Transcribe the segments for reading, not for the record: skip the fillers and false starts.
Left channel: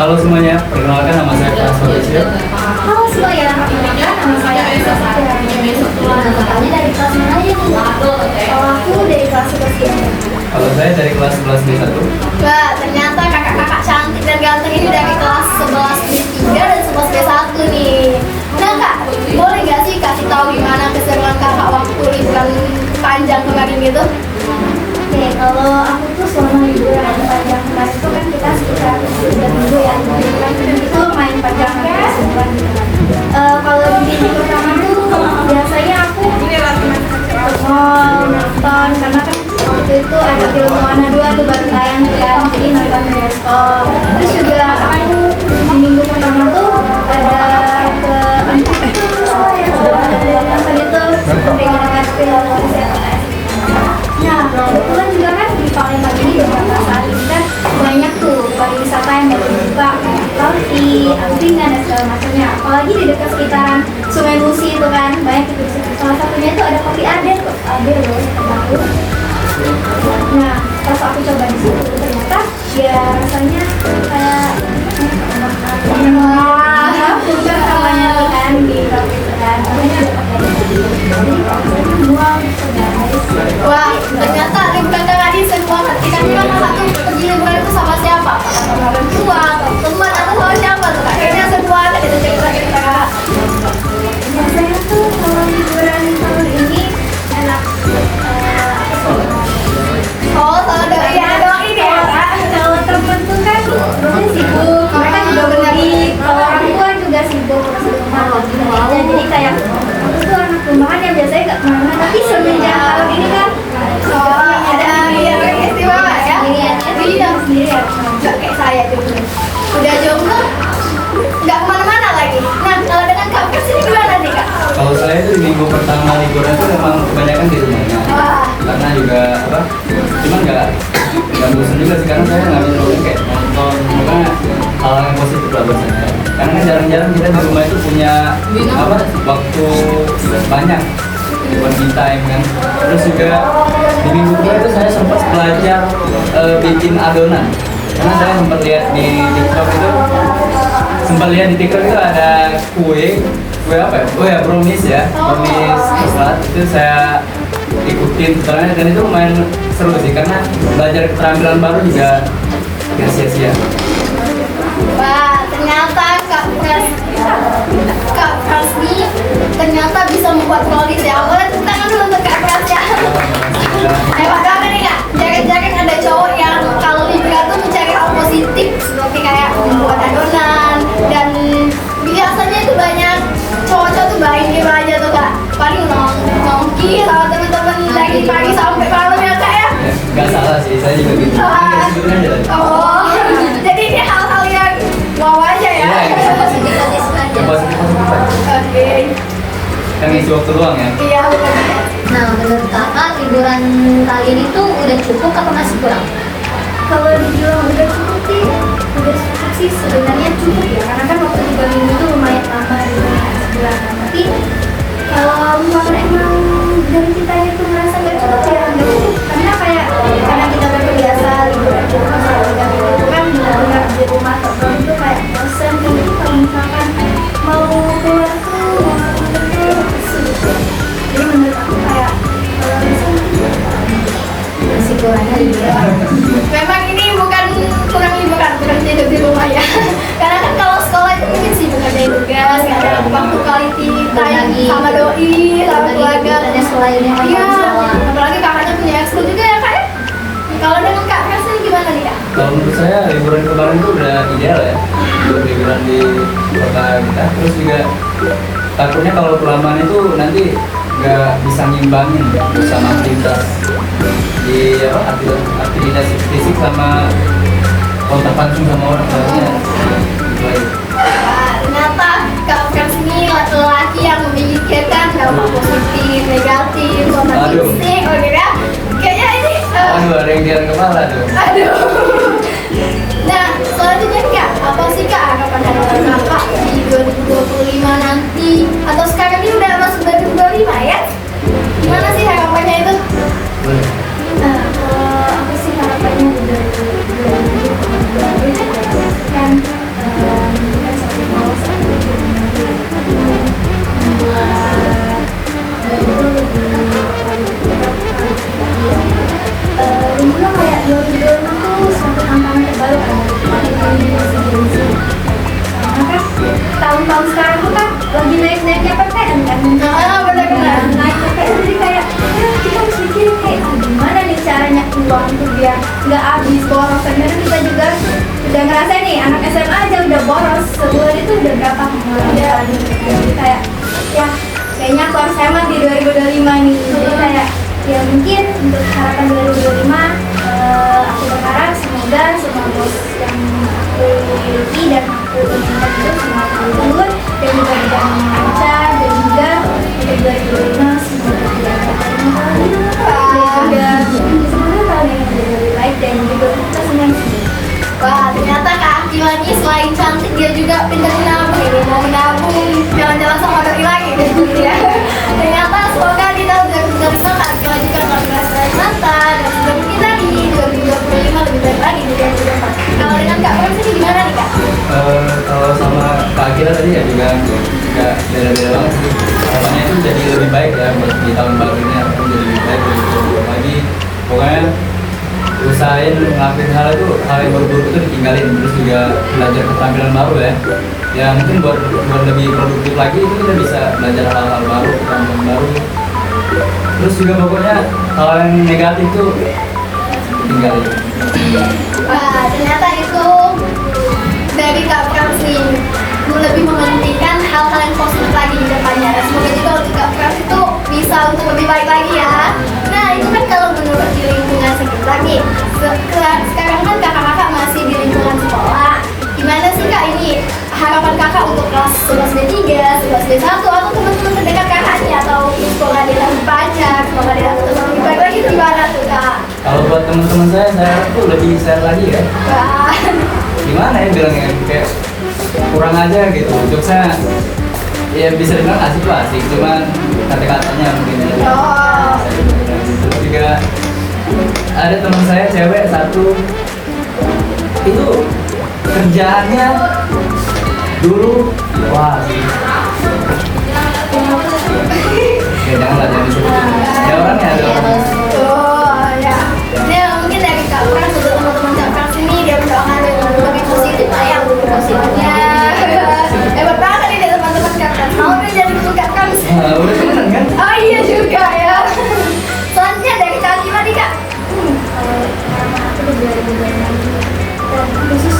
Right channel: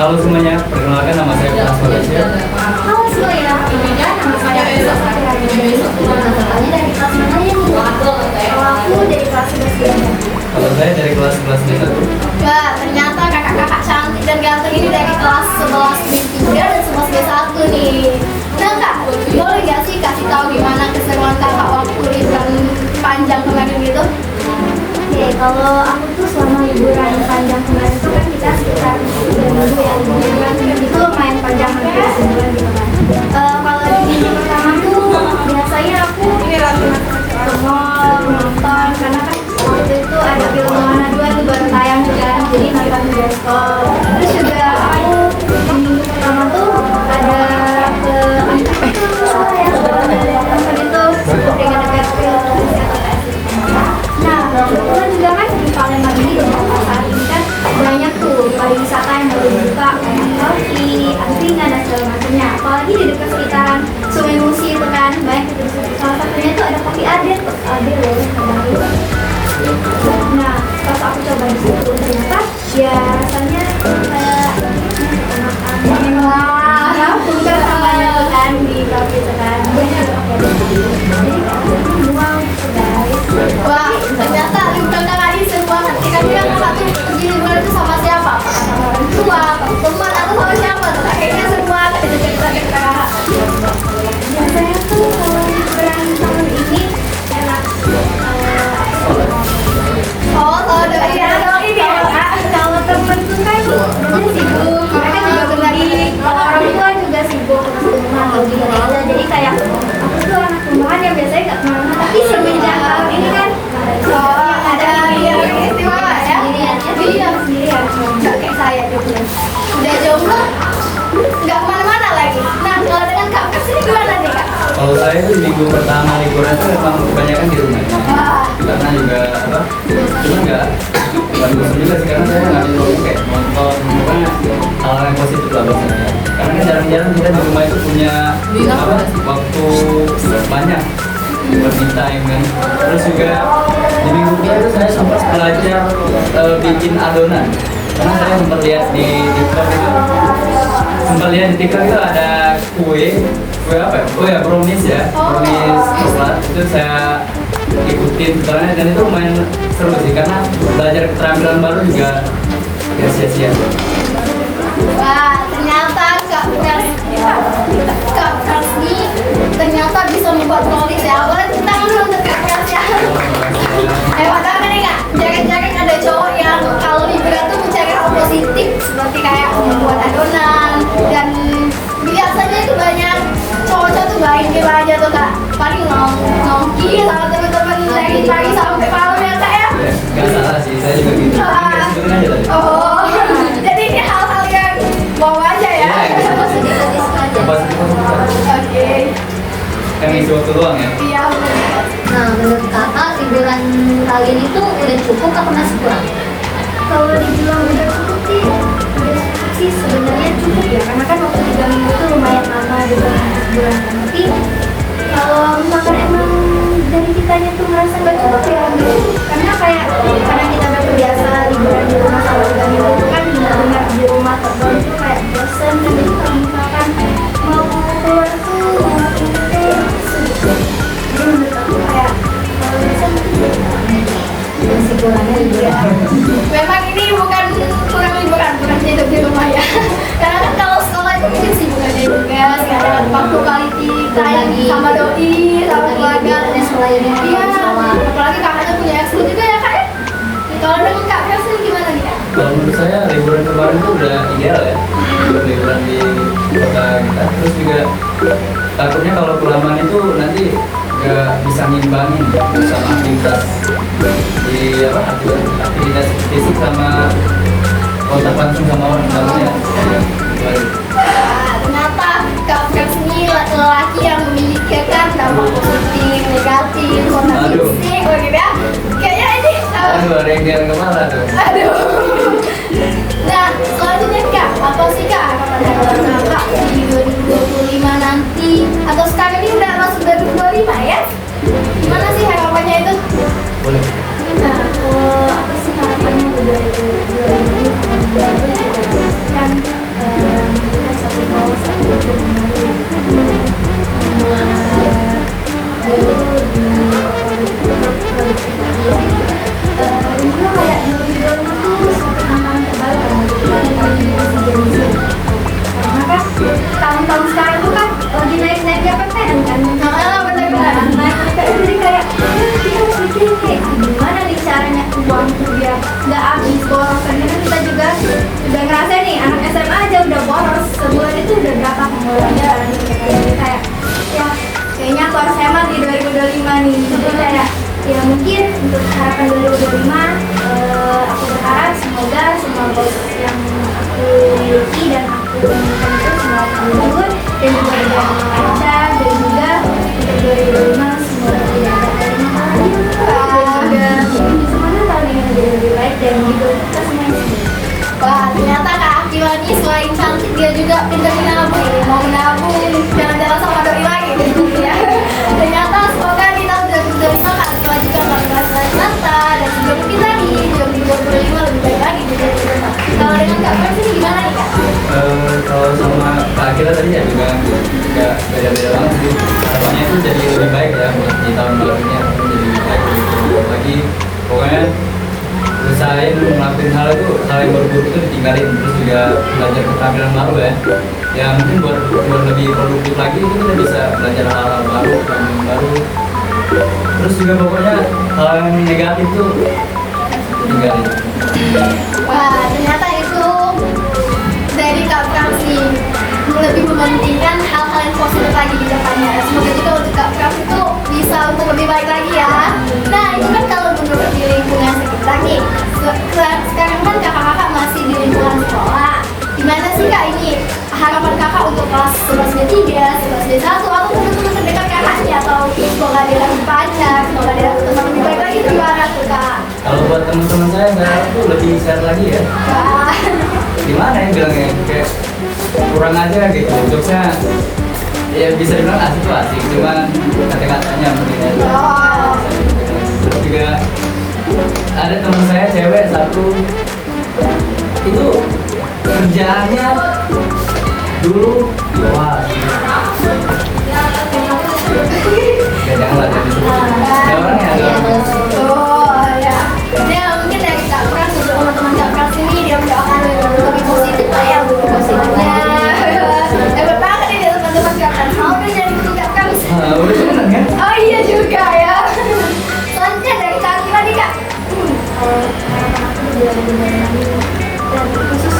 Halo semuanya, perkenalkan nama saya Pak Malaysia. Halo semuanya, nama saya Isa Sakirani. Kami dari kelas mana ya? Kalau aku dari kelas 11. Kalau saya dari kelas 11 B1. Wah, ternyata kakak-kakak cantik dan ganteng ini dari kelas 11 B3 dan 11 B1 nih. Nah kak, boleh gak sih kasih tahu gimana keseruan kakak waktu liburan panjang kemarin gitu? Oke, kalau aku tuh selama liburan panjang kemarin itu kan kita sekitar 3 minggu ya. Liburan itu main panjang hampir sebulan gitu kan. Kalau di minggu pertama tuh biasanya aku ke mall, nonton, karena kan waktu itu ada film Moana 2 tuh baru tayang kan, jadi nonton di bioskop. Terus juga aku di minggu pertama tuh ada ke nonton itu dengan film STS. Nah, kebetulan juga kan di Palembang ini beberapa saat ini kan banyak tuh pariwisata yang baru buka kayak Lauti, angkringan dan segala macamnya. Apalagi di dekat sekitaran Sungai Musi itu kan banyak itu. Salah satunya itu ada kopi Aden, kopi Aden loh terbaru. Nah, pas aku coba di situ ternyata ya rasanya kayak bukan namanya kan di kopi itu kan banyak wah, ternyata liburan kakak ini seru banget. Kita bilang kakak tuh pergi liburan itu sama siapa? Orang tua, teman atau siapa tuh? Kayaknya seru banget itu kakak. Biasanya tuh kalau liburan tahun ini enak. Oh, kalau doain ya. Kalau temen tuh kan biasanya sibuk, mereka juga berbagi. Kalau orang tua juga sibuk lagi. Jadi kayak aku tuh anak rumahan yang biasanya nggak kemana-mana, tapi semenjak tahun ini kan ada yang istimewa ya. Sendirian, kayak saya gitu. Udah jomblo, nggak kemana-mana lagi. Nah, kalau dengan Kak Pers ini gimana nih Kak? Kalau saya tuh di minggu pertama liburan tuh memang kebanyakan di rumahnya. Karena juga apa? Cuman nggak bosan juga sih, karena saya nggak bisa kayak nonton, makanya hal yang positif lah buat saya. Karena kan jarang-jarang kita di rumah itu punya apa? Waktu banyak buat me time kan. Terus juga di minggu kedua itu saya sempat belajar bikin adonan. Karena saya sempat lihat di TikTok itu ada kue apa ya? Oh ya, brownies ya, brownies coklat itu saya ikutin tutorialnya dan itu lumayan seru sih karena belajar keterampilan baru juga gak sia-sia. Wah, ternyata Kak Pers ini ternyata bisa membuat brownies ya. Boleh tepuk tangan dulu untuk Kak Pers ya. Ayo ada nih Kak, jangan-jangan ada cowok yang kalau liburan tuh mencari hal positif seperti kayak membuat adonan dan biasanya itu banyak cowok-cowok tuh main game aja tuh Kak, paling nongki sama temen-temen dari pagi sampai malam ya Kak ya. Gak salah sih, saya juga gitu. Oh, jadi ini hal-hal yang wow aja ya. Iya, yang positif aja. Oke. Yang isi waktu luang ya. Iya. Nah, menurut kakak liburan kali ini tuh udah cukup atau masih kurang? Kalau dibilang udah cukup sih sebenarnya cukup ya, karena kan waktu 3 minggu itu lumayan lama juga sebulan kan. Tapi kalau misalkan emang dari kitanya tuh merasa gak cukup ya nggak cukup, karena kayak karena kita udah terbiasa liburan di rumah selama 3 minggu itu kan benar-benar di rumah terus itu kayak bosen. Jadi kalau misalkan mau keluar tuh kayak sulit. Jadi menurut aku kayak kalau bisa Kesimpulannya liburan. memang ini bukan kurang liburan, bukan hidup di rumah ya. Karena kan kalau sekolah itu mungkin sibuk kerjain tugas, ada waktu quality time sama doi, sama keluarga dan Sekolah ini iya. sekolah. Apalagi kakaknya punya ekskul juga ya kak. Kalau dengan Kak Pers gimana nih Kak? Kalau menurut saya liburan kemarin itu udah ideal ya, buat liburan di kota kita. Terus juga takutnya kalau kelamaan itu nanti nggak bisa ngimbangin sama aktivitas di apa aktivitas fisik sama kontak langsung sama orang barunya. Ternyata Kak Pers ini laki-laki yang memikirkan dampak positif, negatif, kontak Aduh. fisik, ya. Kayaknya ini. Aduh, ada yang di kepala tuh. Aduh. Nah, selanjutnya Kak, apa sih Kak harapan Kakak di 2025 nanti? Atau sekarang ini udah masuk 2025 ya? Gimana sih harapannya itu? Boleh. Nah, kalau aku sih harapannya udah 2025 kan tahun sekarang tuh kan lagi naik-naiknya PTN kan. Benar-benar. Naik PTN jadi kayak ya kita harus mikirin kayak gimana nih caranya uang itu biar nggak habis borosnya. Dan kita juga udah ngerasa nih anak SMA aja udah boros sebulan itu udah berapa pengeluaran di PTN. Jadi kayak ya kayaknya aku harus hemat di 2025 nih. Jadi kayak ya mungkin untuk harapan 2025 aku berharap semoga semua bos yang aku miliki dan aku inginkan itu semua terwujud dan juga dengan lancar dan juga di 2025 semoga tidak ada dan juga semoga tahun yang lebih baik dan juga kita semua yang sendiri. Wah, ternyata Kak Akila ini selain cantik dia juga pintar menabung, mau menabung, jalan-jalan sama doi lagi gitu ya. Ternyata semoga kita benar-benar semangat kalau juga masih mata dan juga mungkin tadi 2025 lebih baik lagi di 2025. Kalau dengan Kak Akila sendiri gimana nih Kak? Kalau sama Kak Akila tadi ya juga beda-beda banget sih. Harapannya itu jadi lebih baik ya buat di tahun baru ini, jadi lebih baik lagi. Pokoknya usahain ngelakuin hal yang baru-baru itu ditinggalin, terus juga belajar keterampilan baru ya mungkin buat lebih produktif lagi itu kita bisa belajar hal-hal baru, keterampilan baru, terus juga pokoknya hal yang negatif tuh tinggalin. Wah, ternyata itu dari Kak Pram sih lebih mementingkan hal-hal yang positif lagi di depannya. Semoga juga untuk Kak Pram itu bisa untuk lebih baik lagi ya. Nah, itu kan kalau menurut di lingkungan sekitar nih. Sekarang kan kakak-kakak masih di lingkungan sekolah. Gimana sih Kak ini harapan kakak untuk kelas 11 D3, 11 D1 atau teman-teman terdekat kakaknya atau sekolah di lebih banyak, sekolah di lebih baik lagi itu gimana tuh Kak? Kalau buat teman-teman saya tuh lebih sehat lagi ya. Wah. Gimana ya bilangnya, kayak kurang aja gitu jokesnya, ya bisa dibilang asik, cuman kata-katanya mungkin aja. Terus juga ada teman saya cewek satu itu kerjaannya dulu wah ya janganlah jangan disebut ada orangnya ada orangnya. Oh ya, ya mungkin dari Kak Pram juga teman-teman Kak Pram sini dia mendoakan lebih positif lah ya positifnya. Hebat banget nih dia teman-teman Kak Pram. Mau udah jadi guru Kak Pram sih. Udah temenan kan? Oh iya juga ya. Selanjutnya dari Kak Akila nih Kak. khusus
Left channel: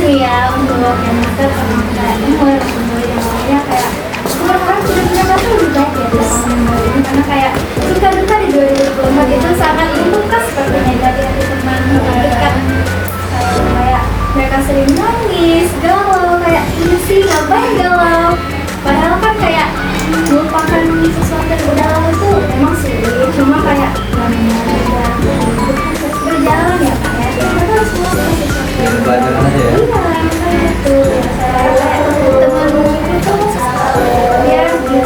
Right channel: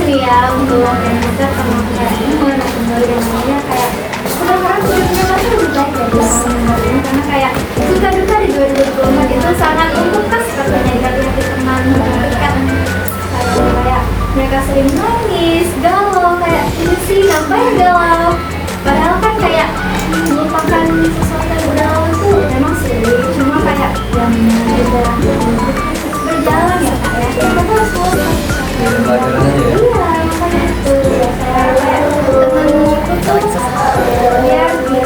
nih ya untuk yang kita sama kayak umur yang lainnya kayak aku berharap 2025 lebih baik ya di tahun baru ini karena kayak duka-duka di 2024 itu sangat membekas katanya dari teman dekat kayak mereka sering nangis, galau kayak ini sih ngapain galau padahal kan kayak melupakan sesuatu yang udah lalu itu memang sulit cuma kayak yang berjalan ya kayak kita harus Ya pelajaran aja ya. iya, makanya itu saya teman-teman itu biar ini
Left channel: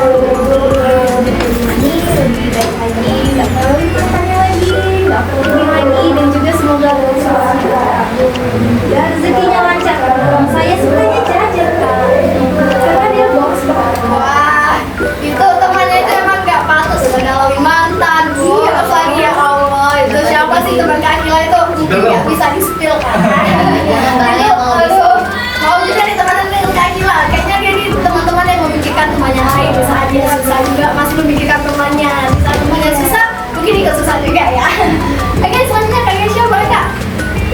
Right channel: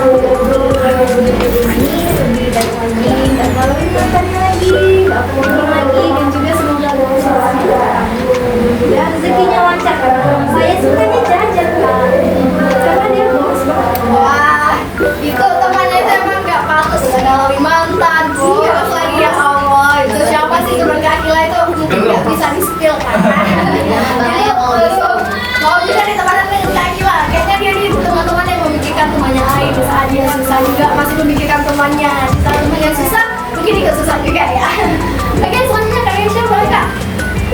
lebih baik lagi, nggak kalau tanya lagi, nggak perlu lagi, dan juga semoga ya rezekinya lancar. Saya sukanya jajan karena dia boros banget. Wah, itu temannya itu emang gak patut mengalami mantan, terus lagi ya Allah itu siapa sih teman Kak Akila itu mungkin gak bisa di-spill kan? Mau bisa ditemanin dengan Kak Akila, kayaknya dia nih teman-teman yang memikirkan temannya lain, bisa aja susah juga masih memikirkan temannya, temannya susah, mungkin juga susah juga ya. Mungkin selanjutnya Kak Kesha boleh Kak?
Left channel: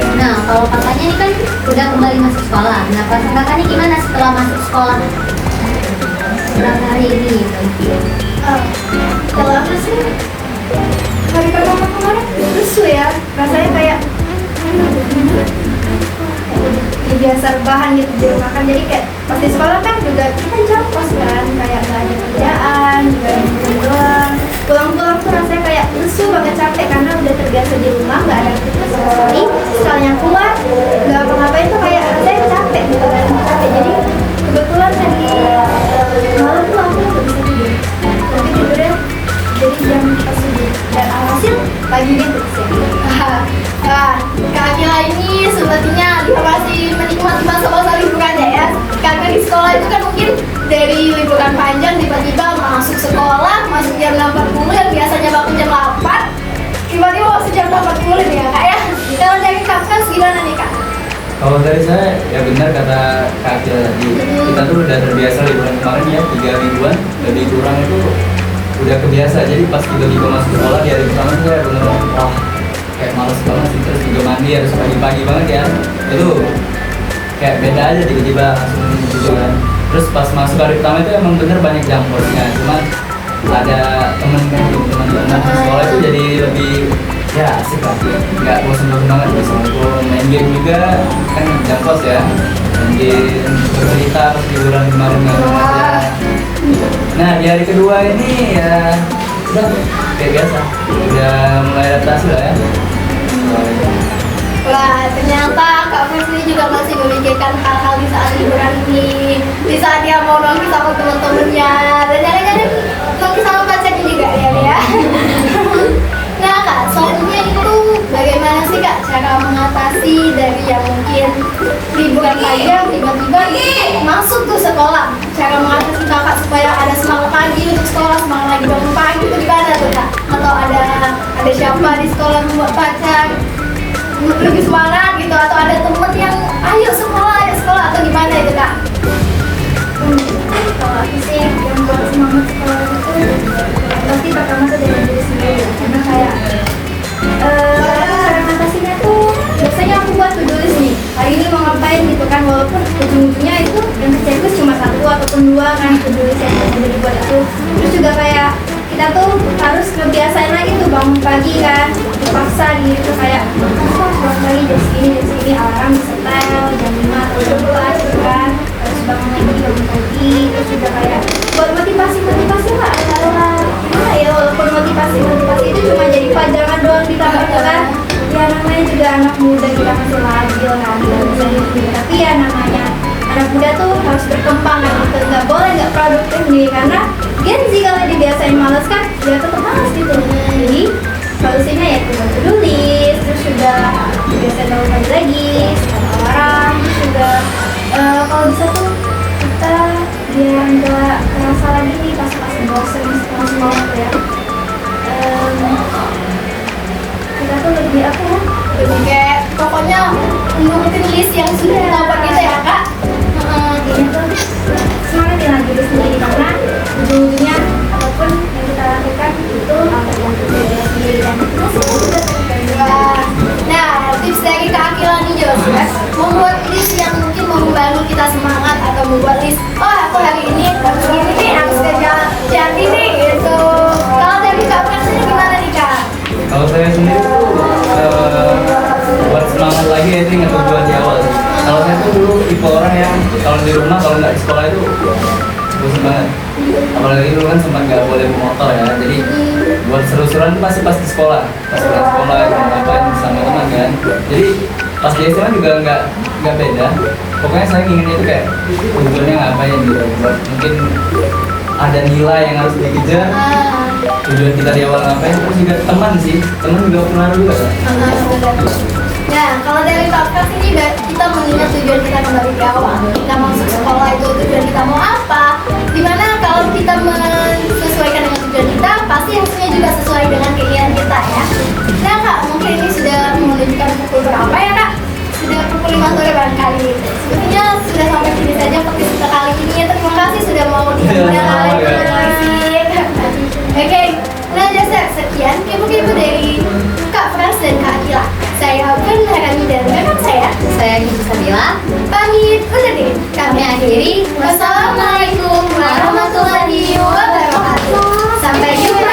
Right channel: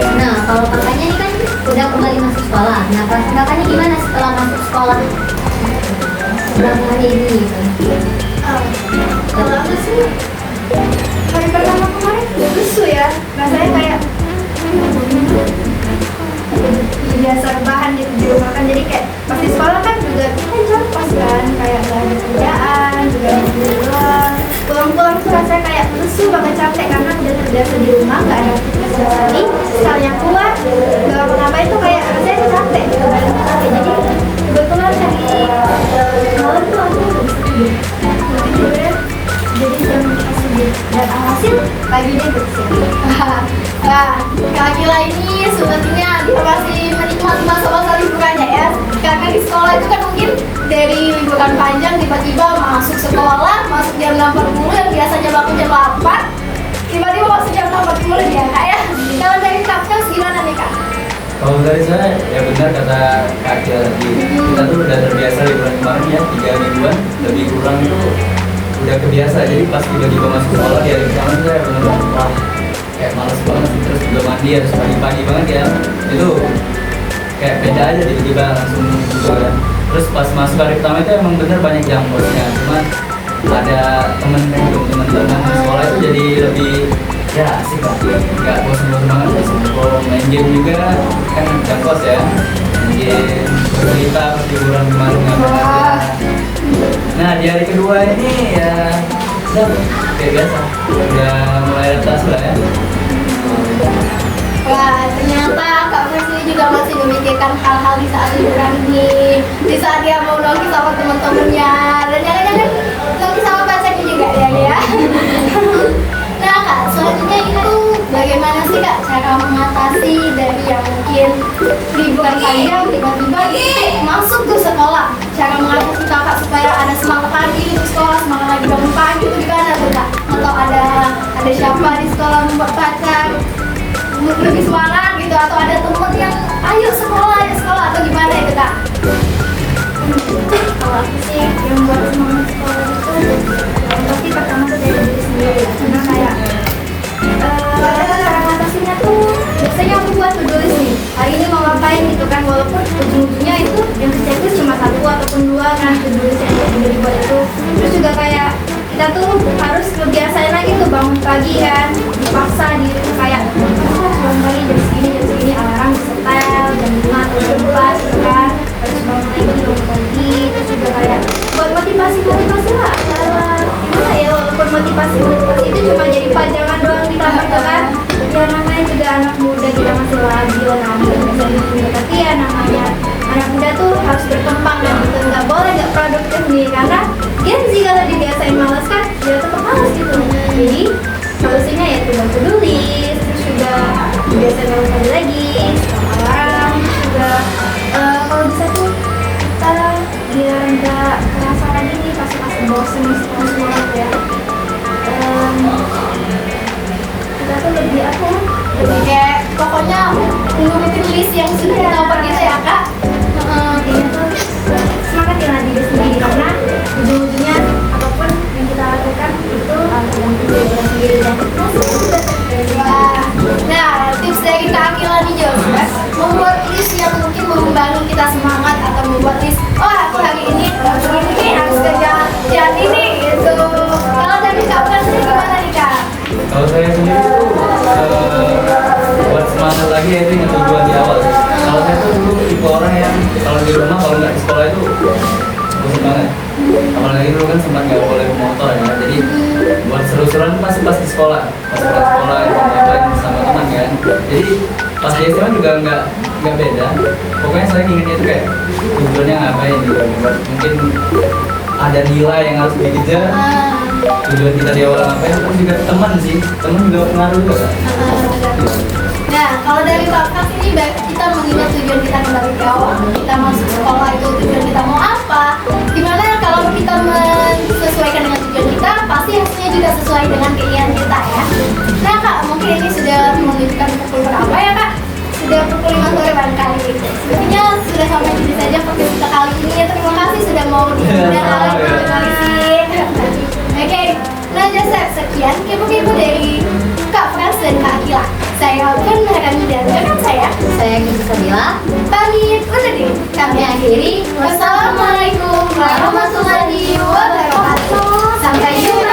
Nah, kalau kakaknya ini kan udah kembali masuk sekolah. Nah, kakaknya gimana setelah masuk sekolah? Setelah hari ini gitu. Kalau aku sih Hari pertama kemarin rusuh ya, rasanya kayak biasa rebahan gitu di rumah kan jadi kayak pas di sekolah kan juga kita di kampus kan kayak gak ada kerjaan juga pulang tuh rasanya kayak rusuh banget capek karena udah terbiasa di rumah gak ada aktivitas sama sekali misalnya keluar gak apa-ngapain tuh kayak rasanya capek gitu kan capek jadi kebetulan tadi malam tuh aku gak bisa tidur tapi tidurnya jadi jam pas tidur dan alhasil paginya bersih. Wah, Kak Akila ini sepertinya dia masih menikmati masa-masa liburannya ya. Karena di sekolah itu kan mungkin dari liburan panjang tiba-tiba masuk sekolah, masuk jam 6.40 dan biasanya bangun jam 8 tiba-tiba masuk jam 6.40 ya Kak ya. Kalau dari Kak gimana nih Kak? Kalau dari saya ya benar kata Kak Akila tadi, kita tuh udah terbiasa liburan kemarin ya 3 mingguan lebih kurang itu udah kebiasa. Jadi pas tiba-tiba masuk sekolah di hari pertama tuh ya bener wah kayak males banget sih, terus juga mandi harus pagi-pagi banget ya. Itu kayak beda aja tiba-tiba langsung gitu kan. Terus pas masuk hari pertama itu emang bener banyak jambornya, cuman ada teman-teman sekolah itu jadi lebih ya asik lah, nggak bosan-bosan banget ya, ngobrol main game juga kan jangkos ya, main game cerita pas liburan kemarin ngapain aja. Nah di hari kedua ini ya udah kayak biasa, udah mulai adaptasi lah ya. Wah, ternyata Kak Fresly juga masih memikirkan hal-hal di saat liburan ini. Di saat dia mau nongki sama teman-temannya, dan jangan-jangan nongki sama pacarnya juga ya. Nah Kak, selanjutnya itu bagaimana sih Kak cara mengatasi dari yang mungkin liburan panjang tiba-tiba masuk ke sekolah? Cara mengatasi Kakak supaya ada semangat lagi untuk sekolah, semangat lagi bangun pagi itu gimana tuh Kak? Atau ada siapa di sekolah membuat pacar lebih semangat gitu, atau ada temen yang ayo sekolah atau gimana itu Kak? Kalau aku sih yang buat semangat sekolah itu pasti pertama tuh dari diri sendiri, karena kayak cara ngatasinya tuh biasanya aku buat to-do list nih, hari ini mau ngapain gitu kan, walaupun ujung-ujungnya itu yang checklist cuma 1 ataupun 2 kan to-do list yang dibuat itu. Terus juga kayak kita tuh harus ngebiasain lagi tuh bangun pagi kan, dipaksa gitu kayak bangun pagi jam segini alarm disetel jam 5 atau jam 4 gitu kan, harus bangun pagi. Terus juga kayak buat motivasi lah, cara gimana ya, walaupun motivasi itu cuma jadi pajangan doang di kamar itu kan ya, namanya juga anak muda, kita masih labil gitu, tapi ya namanya anak muda tuh harus berkembang kan gitu, nggak boleh nggak produktif nih, karena Gen Z kalau dibiasain males kan udah tetap males gitu. Jadi solusinya ya cuma to-do list, terus juga biasa bangun pagi lagi sama alarm. Terus juga kalau bisa tuh kita biar nggak kerasa lagi nih pas bosen semangat ya, kita tuh lebih apa ya, Lebih kayak pokoknya nurutin list yang sudah dapat gitu ya Kak? ini tuh semangatin lagi diri sendiri, karena ujung-ujungnya apapun yang kita lakukan itu yang kita sendiri dan Wah. Nah, tips dari Kak Akila nih juga membuat list yang mungkin membantu kita semangat, atau membuat list, oh aku hari ini harus kerja jam ini gitu. Kalau dari Kak Fresly gimana nih Kak? Kalau saya sendiri tuh buat semangat lagi ya itu ingat tujuan di awal. Kalau saya tuh dulu tipe orang yang kalau di rumah kalau nggak di sekolah itu bosan banget. Apalagi dulu kan sempat nggak boleh motor ya, jadi buat seru-seruan tuh pasti pas di sekolah, pas di sekolah ngapain sama teman kan. Jadi pas di SMA juga nggak beda. Pokoknya saya inginnya itu kayak tujuannya ngapain gitu. Buat mungkin ada nilai yang harus dikejar. Tujuan kita di awal ngapain, terus juga teman sih, teman juga pengaruh juga kan. Nah, kalau dari Kak Fresly kita mengingat tujuan kita kembali ke awal. Kita masuk sekolah itu tujuan kita mau apa? Gimana kalau kita menyesuaikan dengan tujuan kita, pasti hasilnya juga sesuai dengan keinginan kita ya. Nah Kak, mungkin ini sudah menunjukkan pukul berapa ya Kak? Sudah pukul 5 sore barangkali gitu. Sebenarnya sudah sampai sini saja podcast kita kali ini. Terima kasih sudah mau diundang. Oke, nah jadi sekian kepo-kepo dari Kak Frans dan Kak Akila. Saya akan merekam dan rekan saya Gigi Sabila. pamit undur diri. Kami akhiri. Wassalamualaikum warahmatullahi wabarakatuh. Sampai jumpa.